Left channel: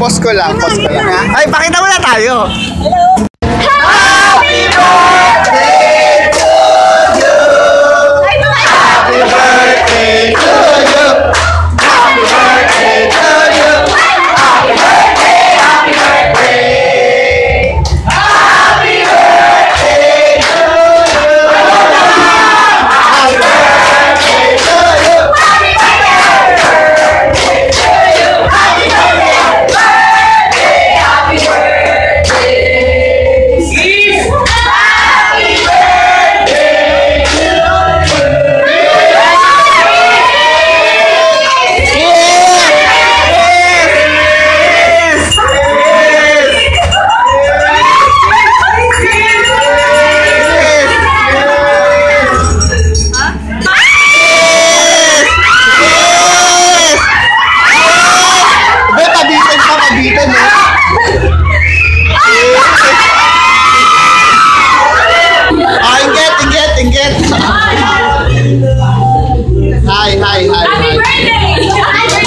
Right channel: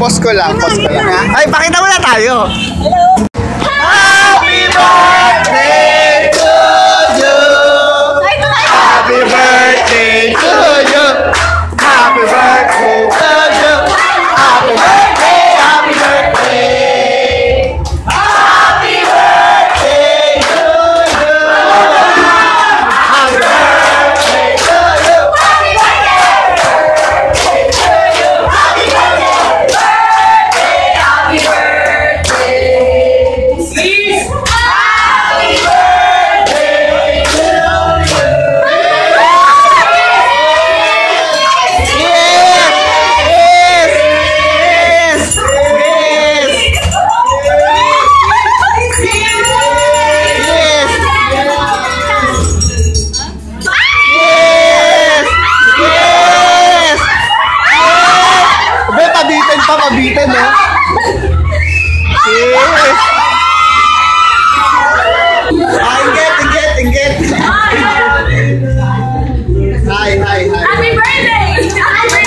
Post ko lang. Ay, pakita mo na tayo. Happy birthday to you. Happy birthday to you. Happy birthday to you. Happy birthday, happy birthday. Happy birthday to you. Happy birthday to you. Happy birthday to you. Happy birthday. Happy birthday. Please. Happy birthday to you. Pabitan mo. Inget. Hi. Happy birthday!